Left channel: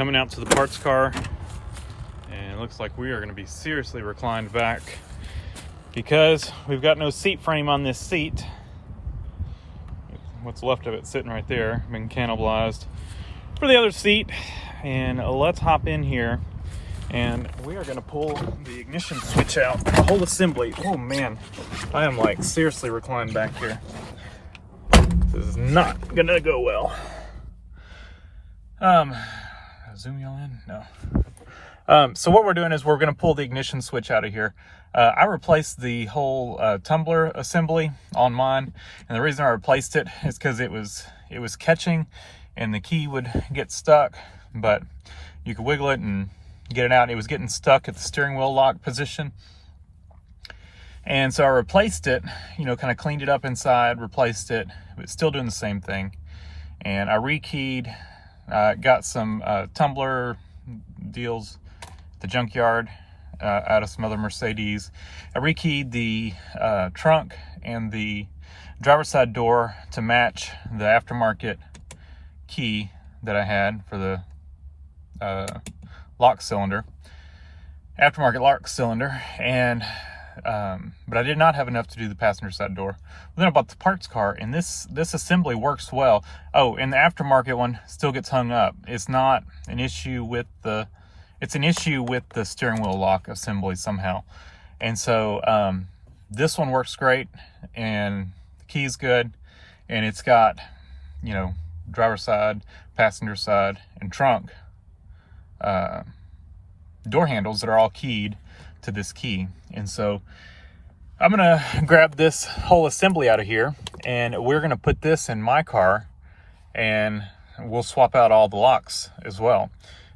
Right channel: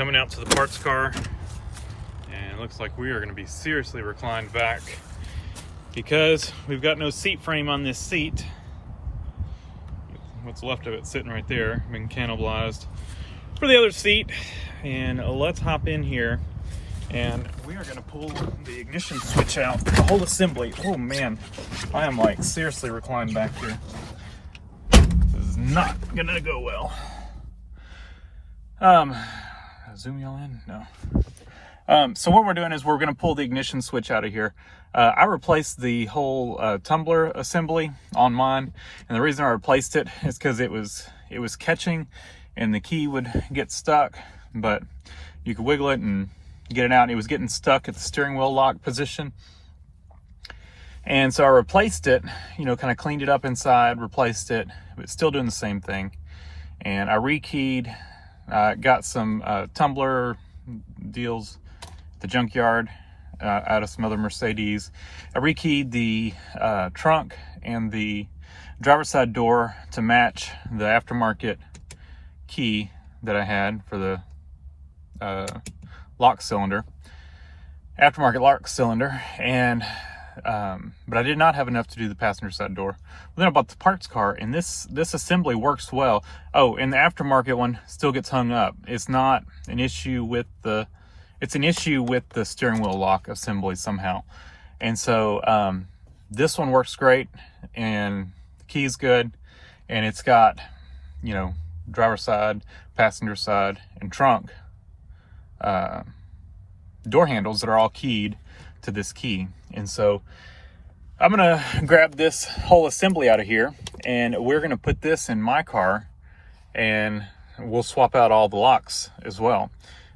coming out to the parts car, and it looks like we are going to be seriously reclined back because we've got no seat frame on this seat. What's left of it sitting right there, been cannibalized for the other seat. And let's hop in here, and we are going to pull the ignition switch out, the whole assembly. Oh man, I am like seriously reclined back here. This is not gonna go well. Zoom y'all in? No. So what we're doing is we're gonna pull the ignition switch out of here. I replaced the whole tumbler assembly on mine, and the reason I replaced it is because it was catching and the key would get stuck, but you could wiggle it and get it out. It was getting stuck at the steering wheel lock position. And so I replaced it, you know, kind of cleaned it up inside, replaced it, but still doing the same thing. And I rekeyed, got some tumbler deals at the junkyard out of some other Mercedes. I rekeyed the trunk and the driver's side door to match the aftermarket key that I had for the lock cylinder, aftermarket lock cylinder, and but I did not have enough to do the passenger side door. Then I bought the parts car, and this assembly works well. Oh, and the aftermarket one still gets hung up. It's not an issue with the, it's an issue with the steering wheel lock assembly somehow. And so this one works great, and the key's good, and it's got, you know, driver's side, passenger side, and trunk door handles that are all keyed to this key. And so I'm gonna grab this whole assembly out of here, and we're gonna put this in my car, and we'll swap out all the locks as well.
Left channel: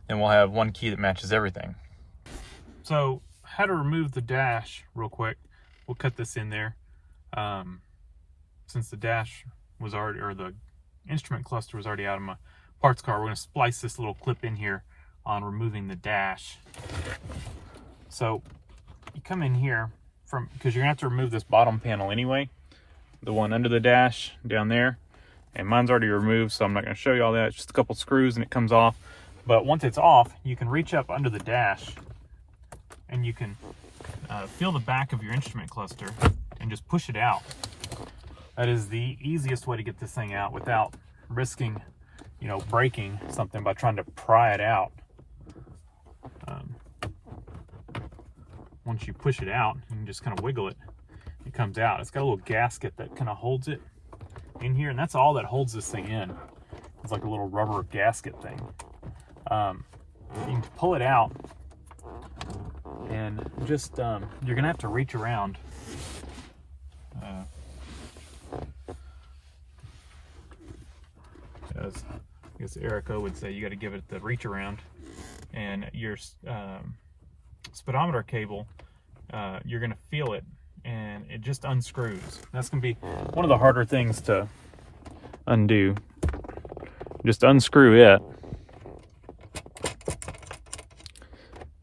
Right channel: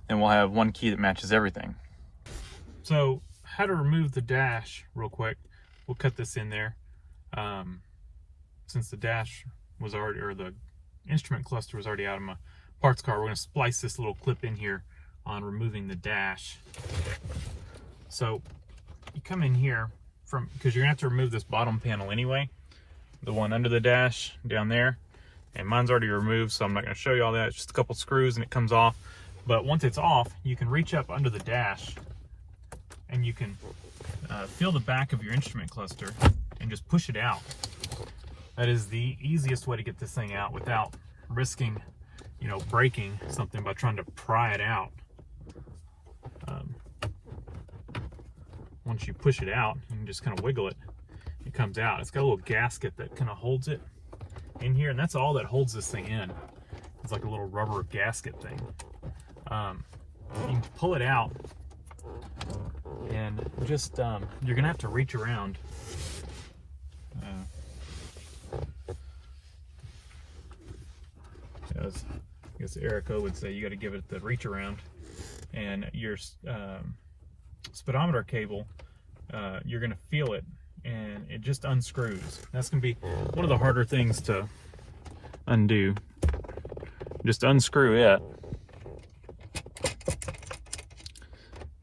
And we'll have one key that matches everything. So how to remove the dash real quick. We'll cut this in there. Since the dash was already, or the instrument cluster was already out of my parts car, we're gonna splice this little clip in here on removing the dash. So you come in here from, because you're gonna have to remove this bottom panel anyway, the one under the dash down there, and mine's already removed, so I'm not gonna show you all that. It's just a couple screws and it comes off. But once it's off, you can reach up under the dash and you can feel the back of your instrument cluster and just push it out. That is the easiest way to get this thing out without risking, you know, breaking something by trying to pry it out. Once you push it out, you can just kind of wiggle it. It comes out. It's got a little gasket that kind of holds it in here, and that's all that holds this thing in. It's like a little rubber gasket thing. You can pull it out, and just you're gonna have to reach around. As I guess Erica would say, you got to give it the reach around, and your speedometer cable, you're going to feel it, and it just unscrews. That's going to be one of the harder things to undo. Just unscrew it,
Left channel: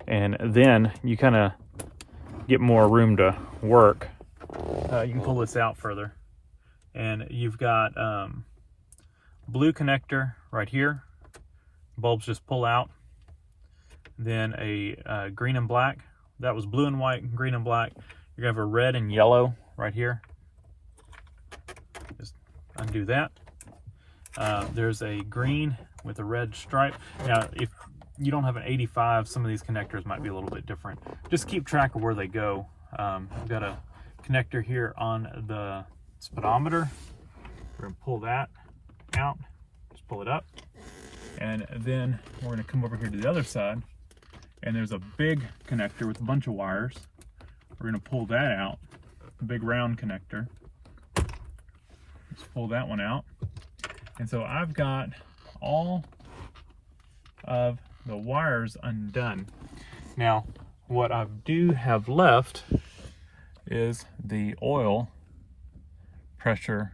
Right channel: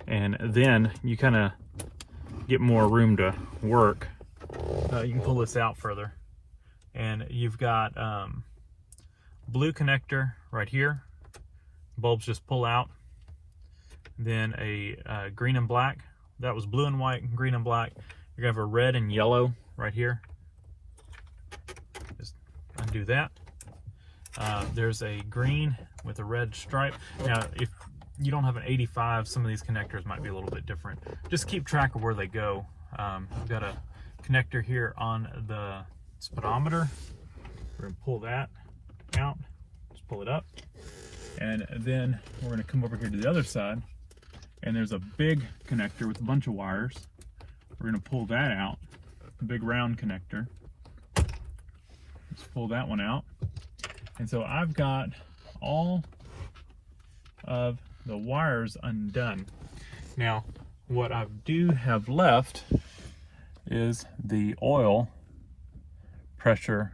and then you kind of get more room to work. You can pull this out further, and you've got blue connector right here. Bulbs just pull out. Then a green and black. That was blue and white, green and black. You're gonna have a red and yellow right here. Just undo that. There's a green with a red stripe. Now, if you don't have an 85, some of these connectors might be a little bit different. Just keep track of where they go. We've got a connector here on the speedometer. We're gonna pull that out, just pull it up. And then we're gonna come over here to the other side, and there's a big connector with a bunch of wires. We're gonna pull that out, a big round connector. Let's pull that one out. And so I've got all of the wires undone. Now, what I do have left is the oil pressure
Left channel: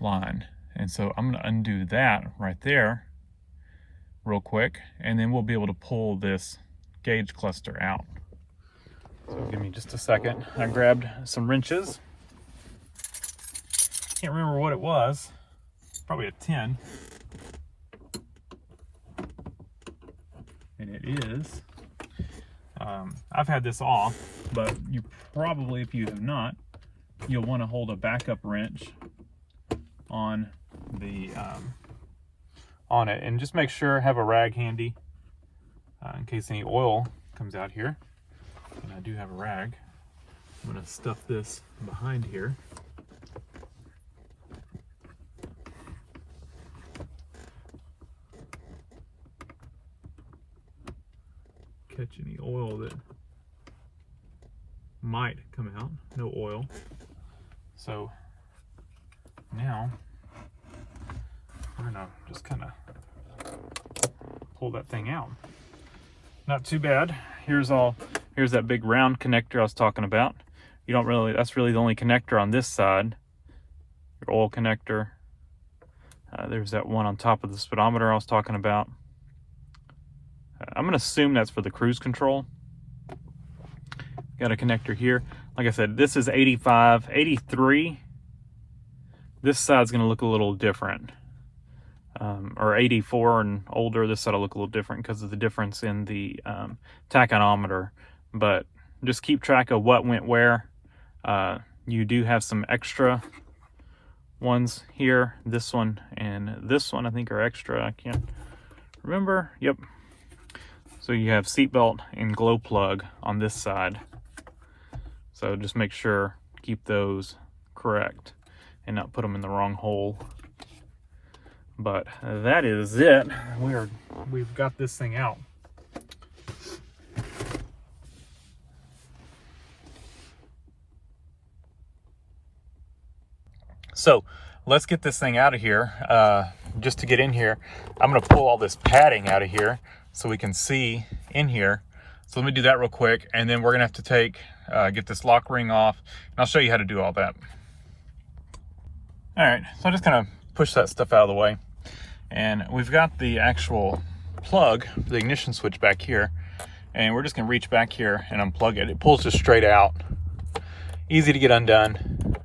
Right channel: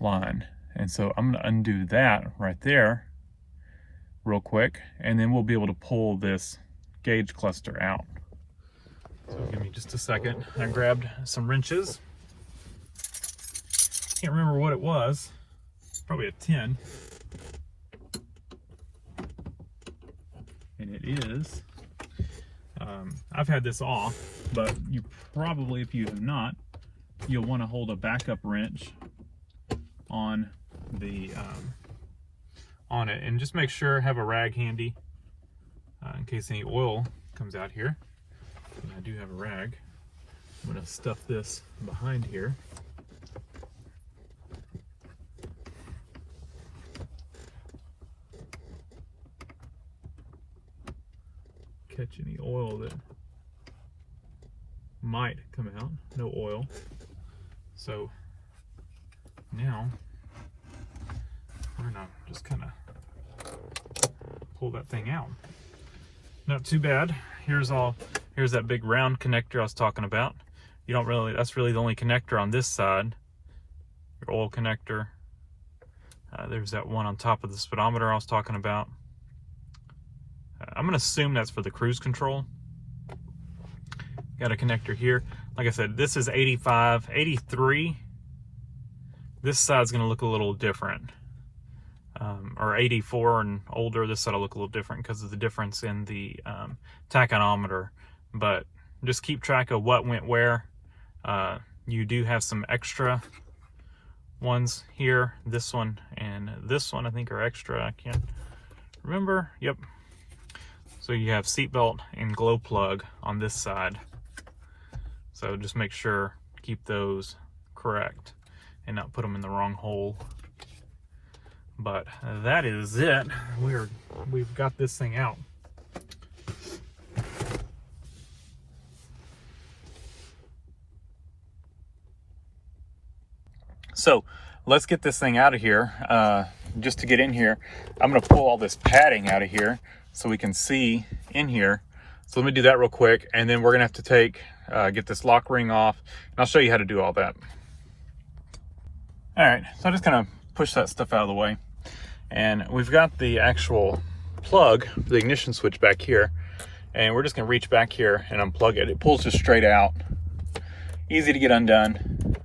line. And so I'm gonna undo that right there real quick, and then we'll be able to pull this gauge cluster out. So give me just a second. I grabbed some wrenches. Can't remember what it was. Probably a 10. and it is, I've had this off, but you probably, if you have not, you'll want to hold a backup wrench on the on it, and just make sure have a rag handy in case any oil comes out here. And I do have a rag. I'm going to stuff this behind here. Catch any oil that might come out. No oil. So now I'm gonna just kind of pull that thing out. Not too bad. Here's that big round connector I was talking about. You don't really, that's really the only connector on this side. Your oil connector. There's that one on top of the speedometer I was talking about. I'm gonna assume that's for the cruise control. Got a connector here. Like I said, this is 85, 83. This side's gonna look a little different. Or 84 and older, this side will look a little different because of the difference in the tachometer. But just keep track of what went where. You do have some extra ones here. This one and this one I think are extra. I can't remember. Yep. So you have seatbelt and glow plug on this side. So just make sure, keep those correct and not put them in the wrong hole. But that is it. We've got this thing out. So let's get this thing out of here. Just to get in here, I'm gonna pull all this padding out of here so we can see in here. So let me do that real quick, and then we're gonna have to get this lock ring off, and I'll show you how to do all that. All right, so I'm just gonna push that stuff out of the way. And we've got the actual plug for the ignition switch back here, and we're just gonna reach back here and unplug it. It pulls just straight out. Easy to get undone.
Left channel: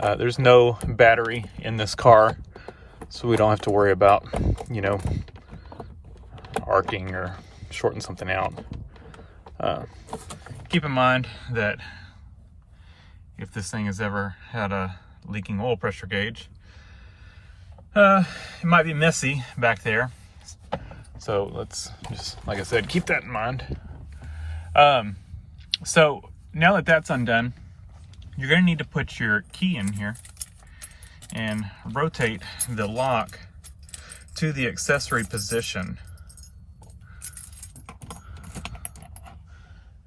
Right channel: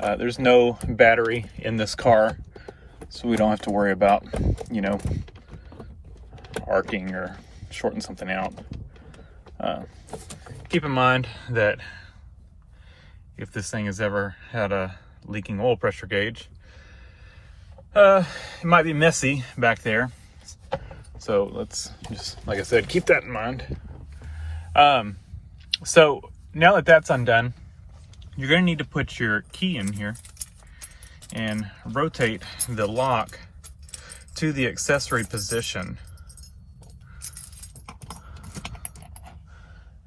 There's no battery in this car, so we don't have to worry about, you know, arcing or shorting something out. Keep in mind that if this thing has ever had a leaking oil pressure gauge, it might be messy back there. So let's just, like I said, keep that in mind. So now that that's undone, you're going to need to put your key in here and rotate the lock to the accessory position.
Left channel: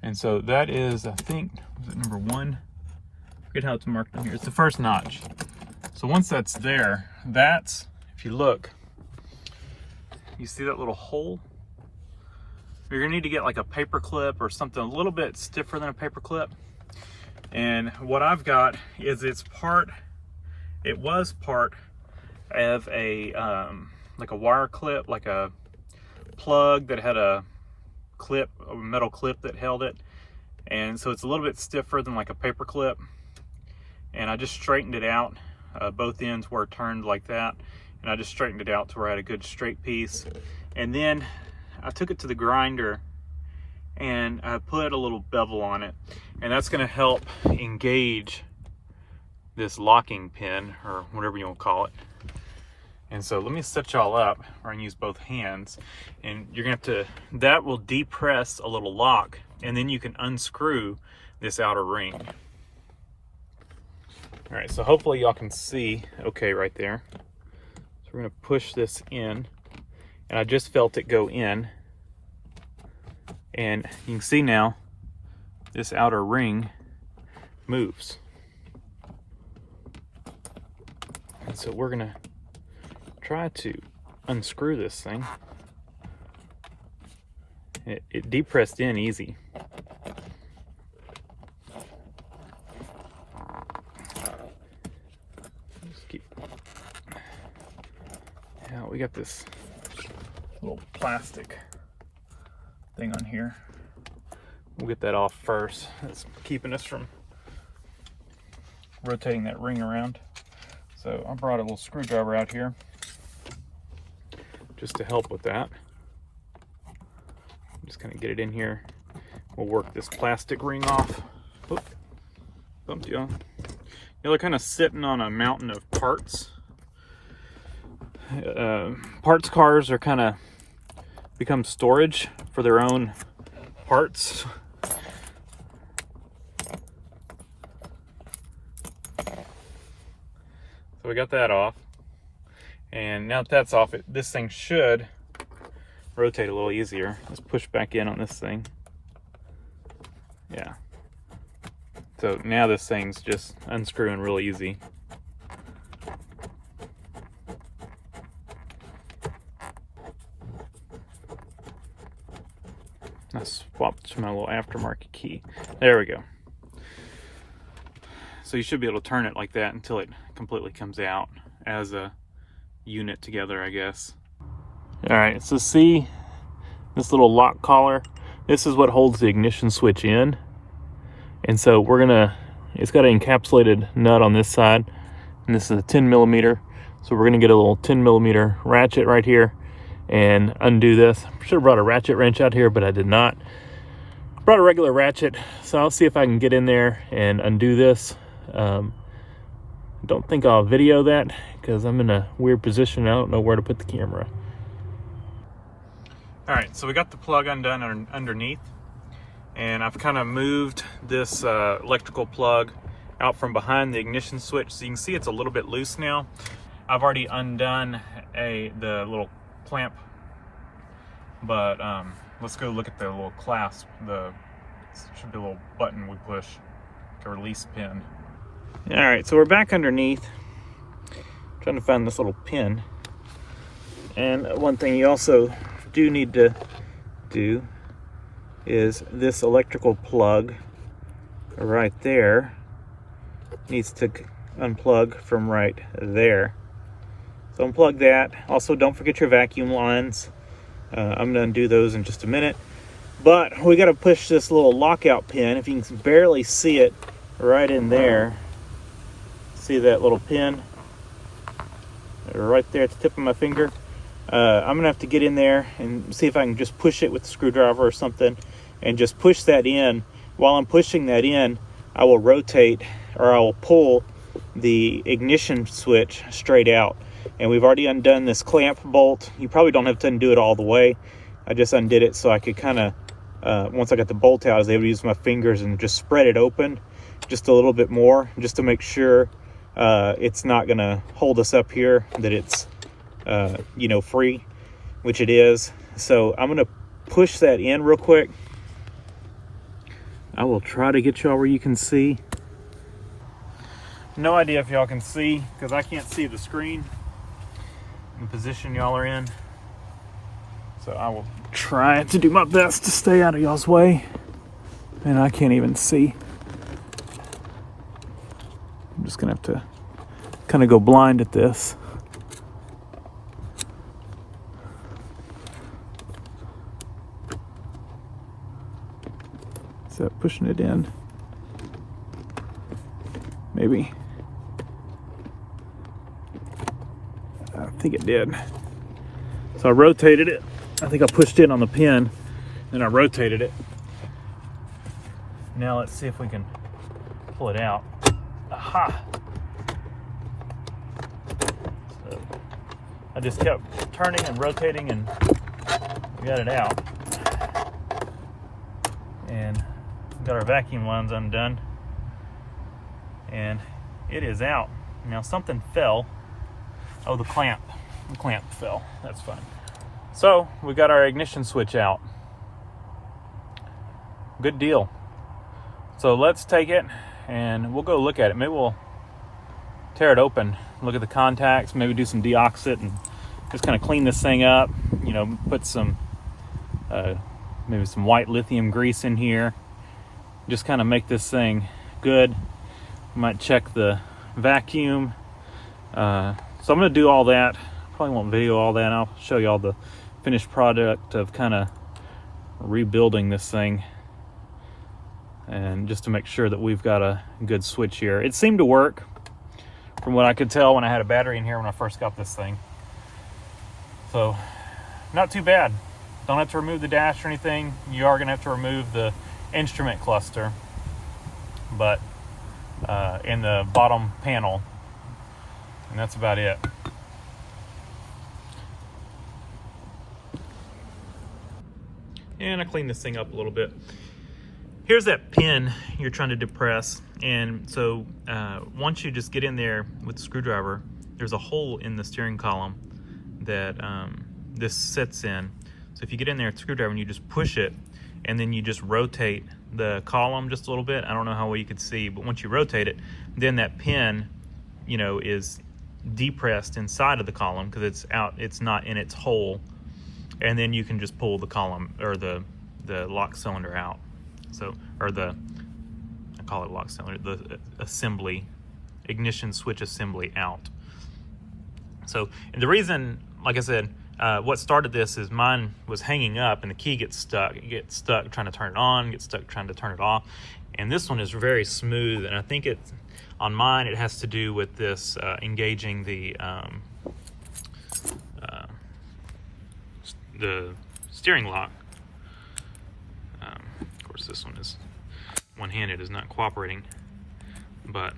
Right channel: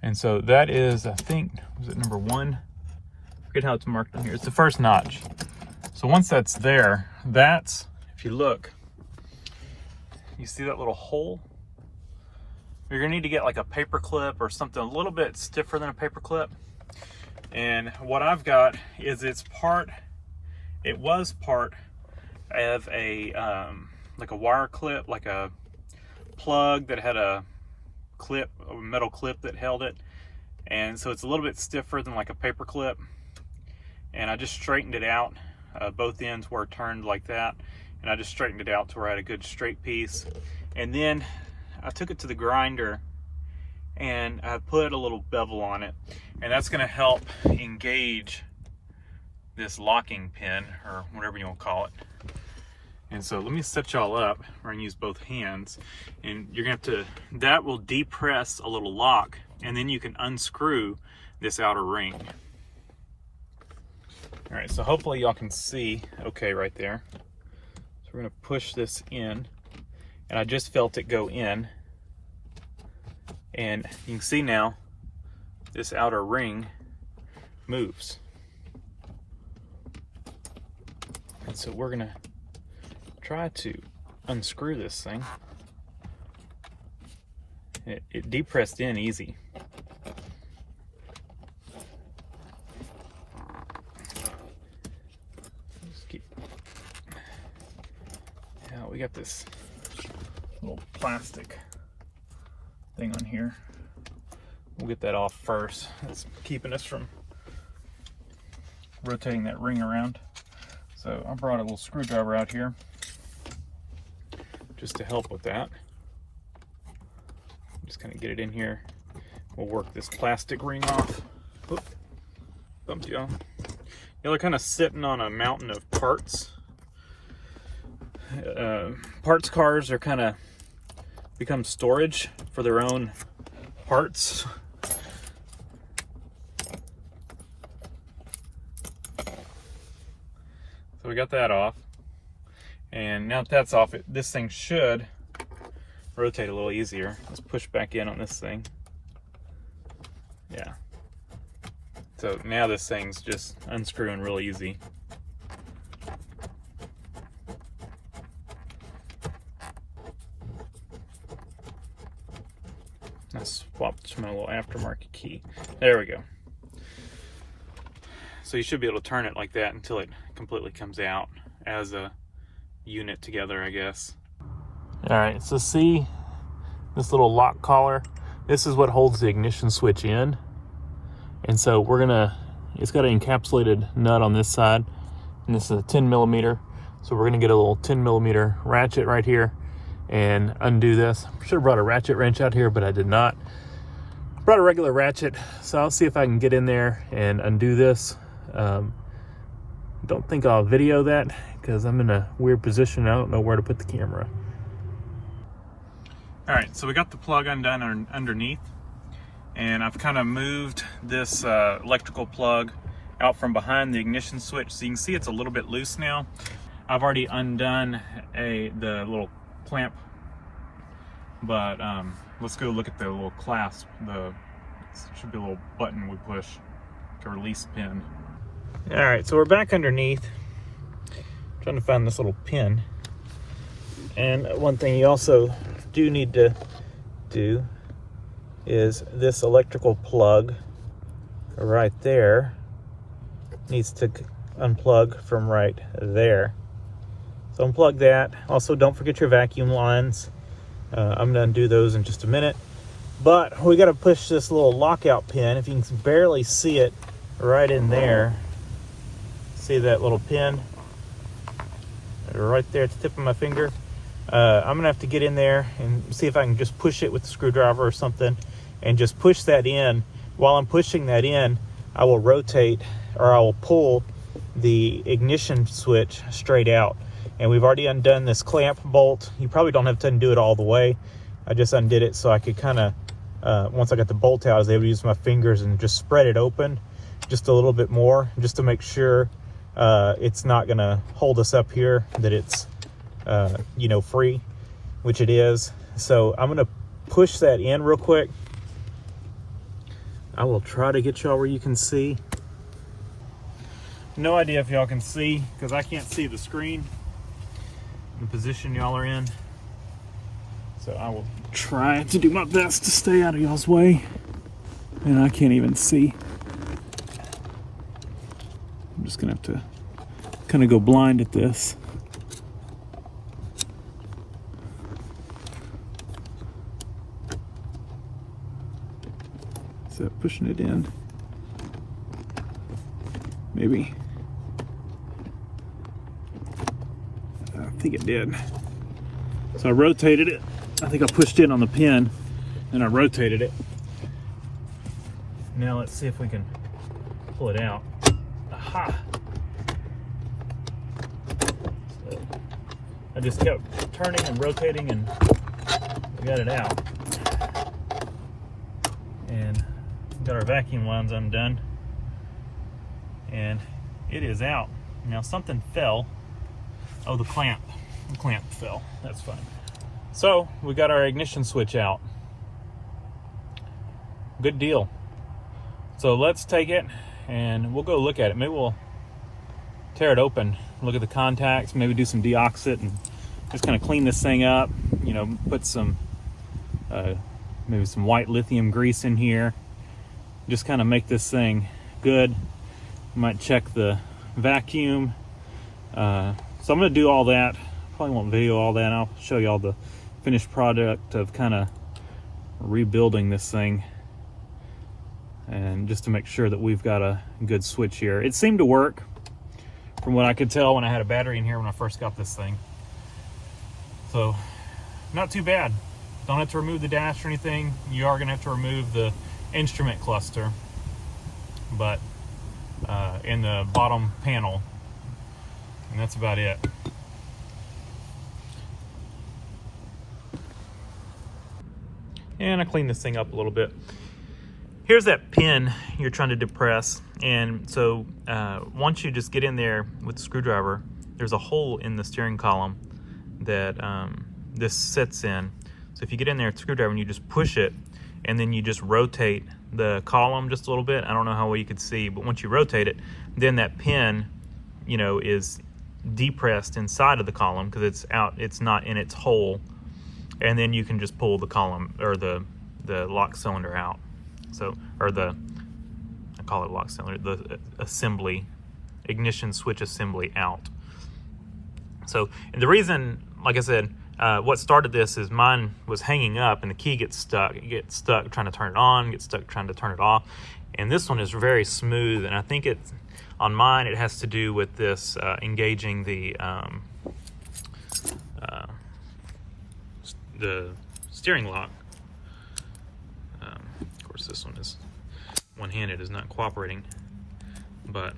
And so that is, I think, was it number 1? I forget how it's marked on here. It's the first notch. So once that's there, that's, if you look, you see that little hole? You're gonna need to get like a paper clip or something a little bit stiffer than a paper clip. And what I've got is it was part of a, like a wire clip, like a plug that had a clip, a metal clip that held it. And so it's a little bit stiffer than like a paper clip. And I just straightened it out. Both ends were turned like that, and I just straightened it out to where I had a good straight piece. And then I took it to the grinder and I put a little bevel on it, and that's going to help engage this locking pin, or whatever you want to call it. And so let me set y'all up. We're going to use both hands, and you're going to have to, that will depress a little lock, and then you can unscrew this outer ring. All right, so hopefully y'all can see okay right there. So we're gonna push this in, and I just felt it go in. And you can see now, this outer ring moves. And so we're gonna try to unscrew this thing. It depressed in easy. We got this little plastic thing on here. We'll get that off first. It's keeping us from rotating that ring around. So I brought a little screwdriver out here just to help with that. kind of get it in here. We'll work this plastic ring off. Oop, bumped you on. You know, they're kind of sitting on a mountain of parts. Parts cars are kind of become storage for their own parts. So we got that off. And now that that's off, this thing should rotate a little easier. Let's push back in on this thing. Yeah. So now this thing's just unscrewing real easy. I swapped to my little aftermarket key. There we go. So you should be able to turn it like that until it completely comes out as a unit together, I guess. All right, so see this little lock collar? This is what holds the ignition switch in. And so we're gonna, it's got an encapsulated nut on this side, and this is a 10 millimeter. So we're gonna get a little 10 millimeter ratchet right here and undo this. I should have brought a ratchet wrench out here, but I did not. Brought a regular ratchet, so I'll see if I can get in there and undo this. Don't think I'll video that because I'm in a weird position. I don't know where to put the camera. All right, so we got the plug undone underneath, and I've kind of moved this electrical plug out from behind the ignition switch, so you can see it's a little bit loose now. I've already undone the little clamp, but let's go look at the little clasp. Should be a little button we push to release pin. All right, so we're back underneath, trying to find this little pin. And one thing you also do need to do is this electrical plug right there needs to unplug from right there. So unplug that. Also, don't forget your vacuum lines. I'm gonna undo those in just a minute. But we gotta push this little lockout pin. If you can barely see it right in there, see that little pin right there at the tip of my finger? I'm gonna have to get in there and see if I can just push it with a screwdriver or something and just push that in. While I'm pushing that in, I will rotate, or I will pull the ignition switch straight out. And we've already undone this clamp bolt. You probably don't have to undo it all the way. I just undid it so I could kind of, once I got the bolt out, I was able to use my fingers and just spread it open just a little bit more, just to make sure it's not gonna hold us up here, that it's you know, free, which it is. So I'm gonna push that in real quick. I will try to get y'all where you can see. No idea if y'all can see because I can't see the screen, the position y'all are in. So I will try to do my best to stay out of y'all's way. And I can't even see. I'm just gonna have to kind of go blind at this. Is that pushing it in? Maybe. I think it did. So I rotated it. I think I pushed in on the pin and I rotated it. Now let's see if we can pull it out. Aha! So I just kept turning and rotating and got it out. And got our vacuum lines undone. And it is out. Now something fell. Oh, the clamp. The clamp fell. That's funny. So we got our ignition switch out. Good deal. So let's take it and we'll go look at it. Maybe we'll tear it open, look at the contacts, maybe do some deoxit and just kind of clean this thing up. You know, put some maybe some white lithium grease in here. Just kind of make this thing good. Might check the vacuum. So I'm gonna do all that. Probably won't video all that. I'll show you all the finished product of kind of rebuilding this thing, and just to make sure that we've got a good switch here. It seemed to work from what I could tell when I had a battery in here when I first got this thing. So not too bad. Don't have to remove the dash or anything. You are going to have to remove the instrument cluster, but in the bottom panel, and that's about it. And I clean this thing up a little bit. Here's that pin you're trying to depress, and so once you just get in there with the screwdriver, there's a hole in the steering column that this sits in. So if you get in there with the screwdriver and you just push it, and then you just rotate the column just a little bit. I don't know how well you could see, but once you rotate it, then that pin, you know, is depressed inside of the column because it's out, it's not in its hole, and then you can just pull the column or the lock cylinder out. So, or I call it lock cylinder, the assembly, ignition switch assembly out. So, and the reason, like I said, what started this is mine was hanging up and the key gets stuck. It gets stuck trying to turn it on, gets stuck trying to turn it off. And this one is very smooth, and I think it's, on mine, it has to do with this engaging the steering lock. Of course, this one is one-handed, is not cooperating, but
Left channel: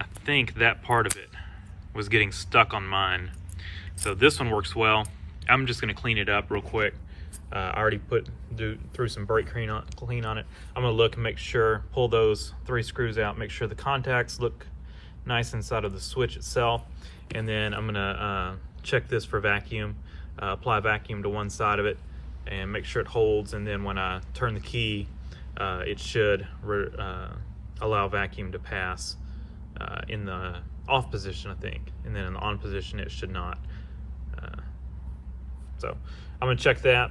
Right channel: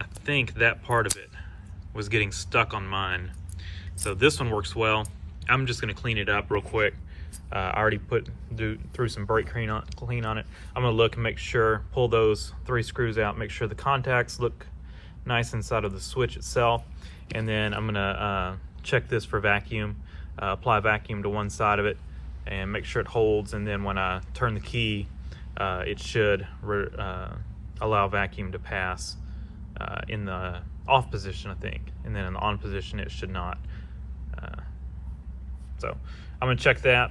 I think that part of it was getting stuck on mine. So this one works well. I'm just gonna clean it up real quick. I already threw some brake clean on it. I'm gonna look and make sure, pull those 3 screws out, make sure the contacts look nice inside of the switch itself. And then I'm gonna check this for vacuum, apply vacuum to one side of it and make sure it holds. And then when I turn the key, it should allow vacuum to pass in the off position, I think, and then in the on position it should not. So I'm gonna check that.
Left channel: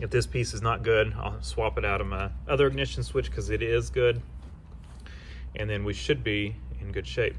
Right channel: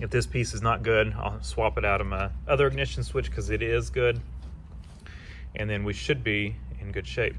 If this piece is not good, I'll swap it out of my other ignition switch because it is good, and then we should be in good shape.